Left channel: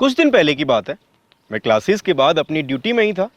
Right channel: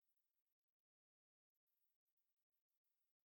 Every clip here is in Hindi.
कुछ दिन पहले की बात है। मैं क्लासेस के बाद अपनी ड्यूटी में ही था।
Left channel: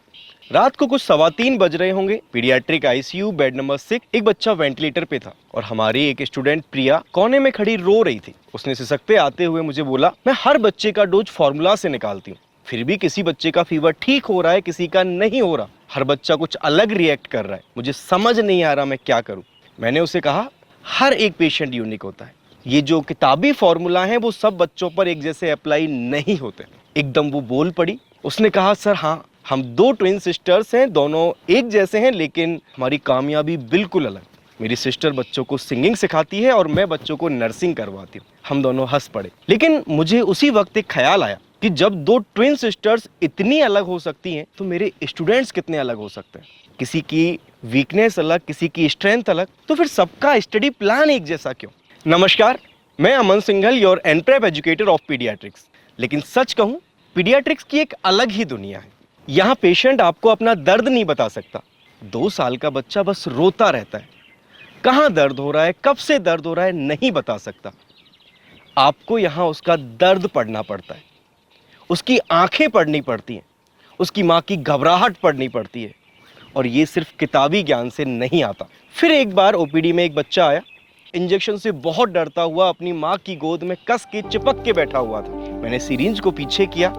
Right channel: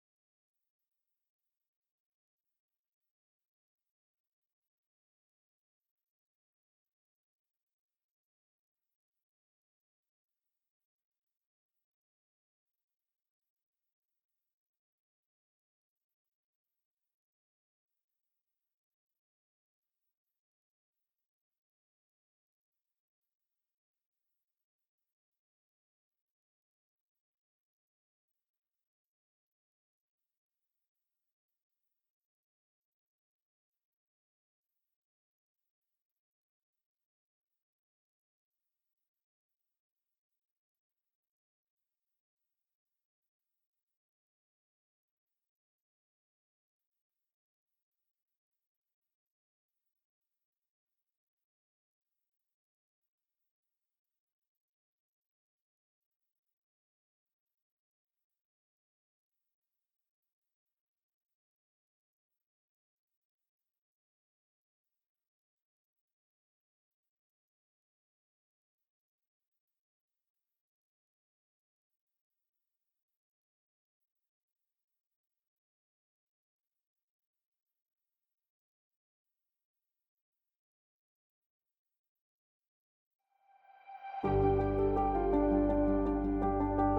रात को कुछ 3:15 बज रहे होंगे। पीडियाट्रिक आईसीयू बेड नंबर 6 एक बच्चा वेंटिलेटर पे था और हमारी एक स्टूडेंट प्रिया कोने में खड़ी रो रही थी। उसने सिसकते आते हुए मुझे बोला, मैं हर बच्चे का डोज फॉर्मूला से निकालती हूँ, फिर भी किसी बच्चे का फीवर ठीक हो रहा है, किसी का नहीं हो रहा। हर बच्चा कुछ अलग रिएक्ट कर रहा है, मुझे समझ नहीं आ रहा मैं क्या करूँ। मैंने उसे कहा, हर एक पेशेंट यूनिक होता है, ये जो किताबी फॉर्मूला है वो सब बच्चों पर एक जैसे अप्लाई नहीं होते। एकदम वो बोल पड़ी। उसने कहा, सर हाँ, हम 2 ट्विन सिस्टर्स हैं, दोनों एक जैसे हैं, लेकिन हमारी कामयाबी बिल्कुल अलग। मेरी सिस्टर बच्चों को सिंगिंग सिखाती है और मैं बच्चों को नर्सिंग करवाती हूँ। हम दोनों हंस पड़े। लेकिन मुझे उसी वक्त एक ख्याल आया कि जब 2 ट्विन सिस्टर्स इतनी अलग हो सकती हैं तो मेरे स्टूडेंट्स कितने अलग हो सकते हैं। किसी की वीकनेस अलग, किसी की स्ट्रेंथ अलग, तो फिर सबका स्टडी प्लान एक जैसा क्यों? नमस्कार, मैं Aman Singhal, your NPrep educator of paediatrics. लेकिन सच कहूं, पीडियाट्रिक्स की एक अलग ही दुनिया है। यहाँ पेशेंट आपको अपना दर्द नहीं बता सकता। 2 साल का बच्चा बस रोता रहता है। कहाँ दर्द हो रहा है, कब से दर्द हो रहा है, नहीं बता सकता। आपको यहाँ उसका दर्द पढ़ना पड़ता है, उसकी आंखें पढ़नी पड़ती हैं, उसकी माँ की घबराहट पढ़नी पड़ती है। और ये सिर्फ किताबी ज्ञान से नहीं आता। फिर एक बार ओपीडी में एक बच्चा आया, इंजेक्शन से बहुत डरता हुआ अपनी माँ की गोद में कस के चिपक के बैठा हुआ था। मैंने सिरिंज को पीछे किया,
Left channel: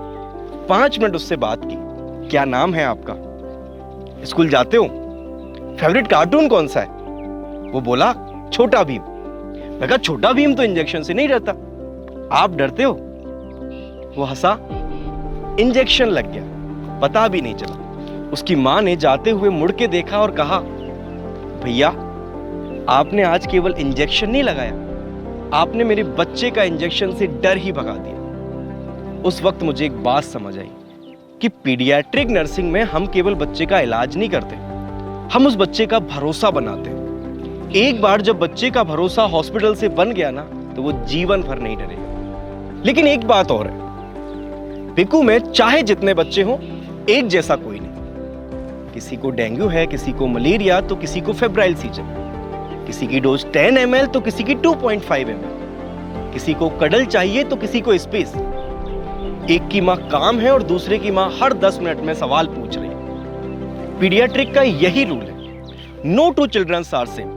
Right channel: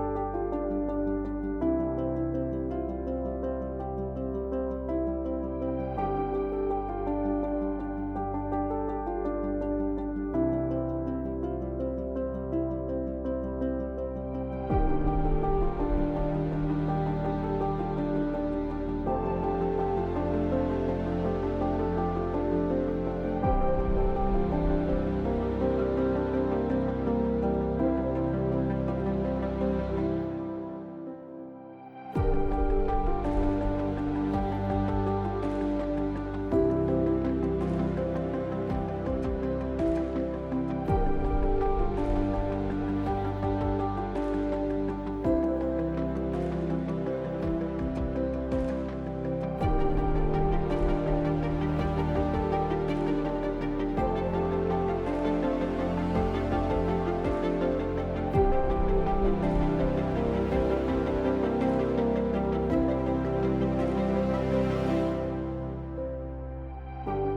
5 मिनट उससे बात की। क्या नाम है आपका? स्कूल जाते हो? फेवरेट कार्टून कौन सा है? वो बोला, छोटा भीम। मैं कहा, छोटा भीम तो इंजेक्शन से नहीं डरता, आप डरते हो? वो हंसा। इंजेक्शन लग गया, पता भी नहीं चला। उसकी माँ ने जाते हुए मुड़ के देखा और कहा, भैया आपने आज केवल इंजेक्शन नहीं लगाया, आपने मेरे बच्चे का इंजेक्शन से डर ही भगा दिया। उस वक्त मुझे एक बात समझ आई कि पीडियाट्रिक नर्सिंग में हम केवल बच्चे का इलाज नहीं करते, हम उस बच्चे का भरोसा बनाते हैं। एक बार जब बच्चे का भरोसा हॉस्पिटल से बन गया ना, तो वो जीवन भर नहीं डरेगा। लेकिन एक बात और है, पिकू में चाहे जितने बच्चे हों, एक जैसा कोई नहीं। किसी को डेंगू है, किसी को मलेरिया, तो किसी को फेब्राइल सीजन, किसी की डोज 10 ml तो किसी की 2.5 ml, किसी को कडल चाहिए तो किसी को स्पेस। एक की माँ काम है और दूसरे की माँ हर 10 मिनट में सवाल पूछ रही है। पीडियाट्रिक का यही रूल है, no two childrens are same.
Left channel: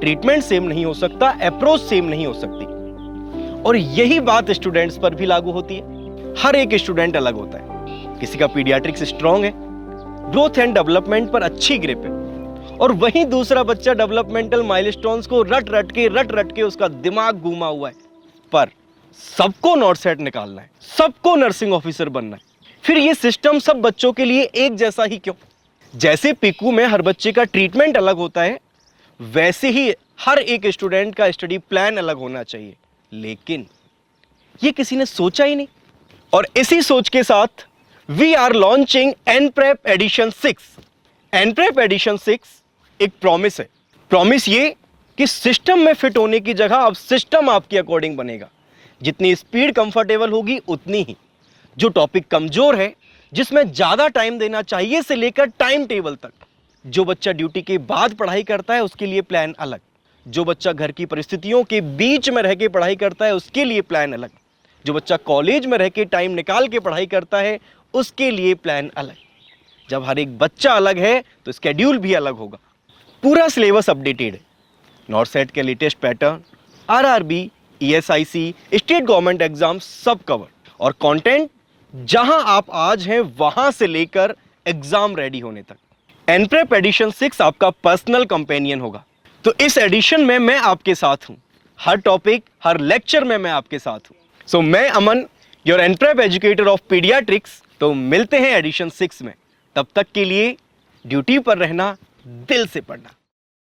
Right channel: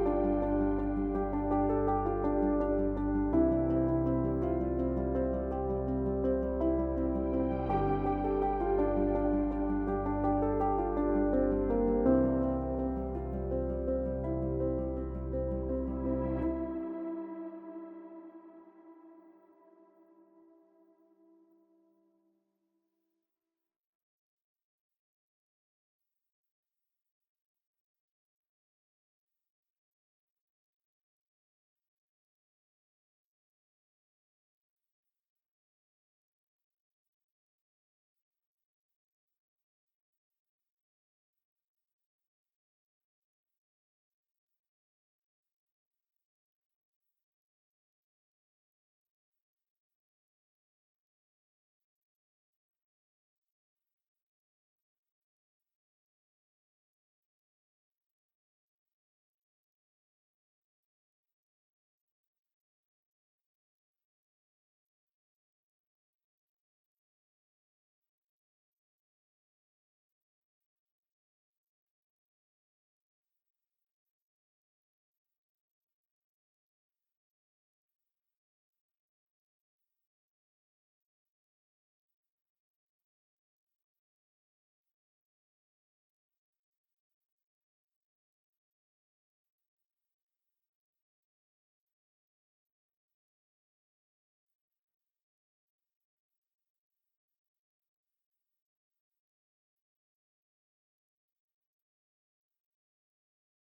Treatment same नहीं हो सकता, अप्रोच सेम नहीं हो सकती। और यही बात स्टूडेंट्स पर भी लागू होती है। हर एक स्टूडेंट अलग होता है। किसी का पीडियाट्रिक्स स्ट्रॉन्ग है, ग्रोथ एंड डेवलपमेंट पर अच्छी ग्रिप है, और वहीं दूसरा बच्चा डेवलपमेंटल माइलस्टोन्स को रट रट के उसका दिमाग घूमा हुआ है। पर सबको नॉट सेट निकालना है, सबको नर्सिंग ऑफिसर बनना है। फिर ये सिस्टम सब बच्चों के लिए एक जैसा ही क्यों? जैसे पिकू में हर बच्चे का ट्रीटमेंट अलग होता है, वैसे ही हर एक स्टूडेंट का स्टडी प्लान अलग होना चाहिए। लेकिन ये किसी ने सोचा ही नहीं। और इसी सोच के साथ we are launching NPrep edition 6। NPrep edition 6 एक प्रॉमिस है। प्रॉमिस ये कि सिस्टम में फिट होने की जगह अब सिस्टम आपके अकॉर्डिंग बनेगा। जितनी स्पीड कंफर्टेबल होगी उतनी ही। जो टॉपिक कमजोर है, जिसमें ज्यादा टाइम देना चाहिए से लेकर टाइम टेबल तक। जो बच्चा ड्यूटी के बाद पढ़ाई करता है उसके लिए प्लान अलग। जो बच्चा घर की परिस्थितियों के बीच में रह के पढ़ाई करता है उसके लिए प्लान अलग। जो बच्चा कॉलेज में रह के टाइम निकाल के पढ़ाई करता है उसके लिए प्लान अलग। जब हर एक बच्चा अलग है तो स्केड्यूल भी अलग होगा। पूरा सिलेबस अपडेटेड है। नॉर्सेट के latest pattern, RRB, ESIC, state government exam सब कवर। और कंटेंट जहां आप आज हैं वहां से लेकर एग्जाम रेडी होने तक। एनप्रेप एडिशन 6 आपका पर्सनल कंपेनियन होगा। तो इस एडिशन में मैं आपके साथ हूं। हर टॉपिक, हर लेक्चर में मैं आपके साथ हूं। सो मैं अमन, your NPrep educator of paediatrics. तो मिलते हैं एडिशन 6 में। तब तक के लिए ड्यूटी पर रहना, दिल से पढ़ना।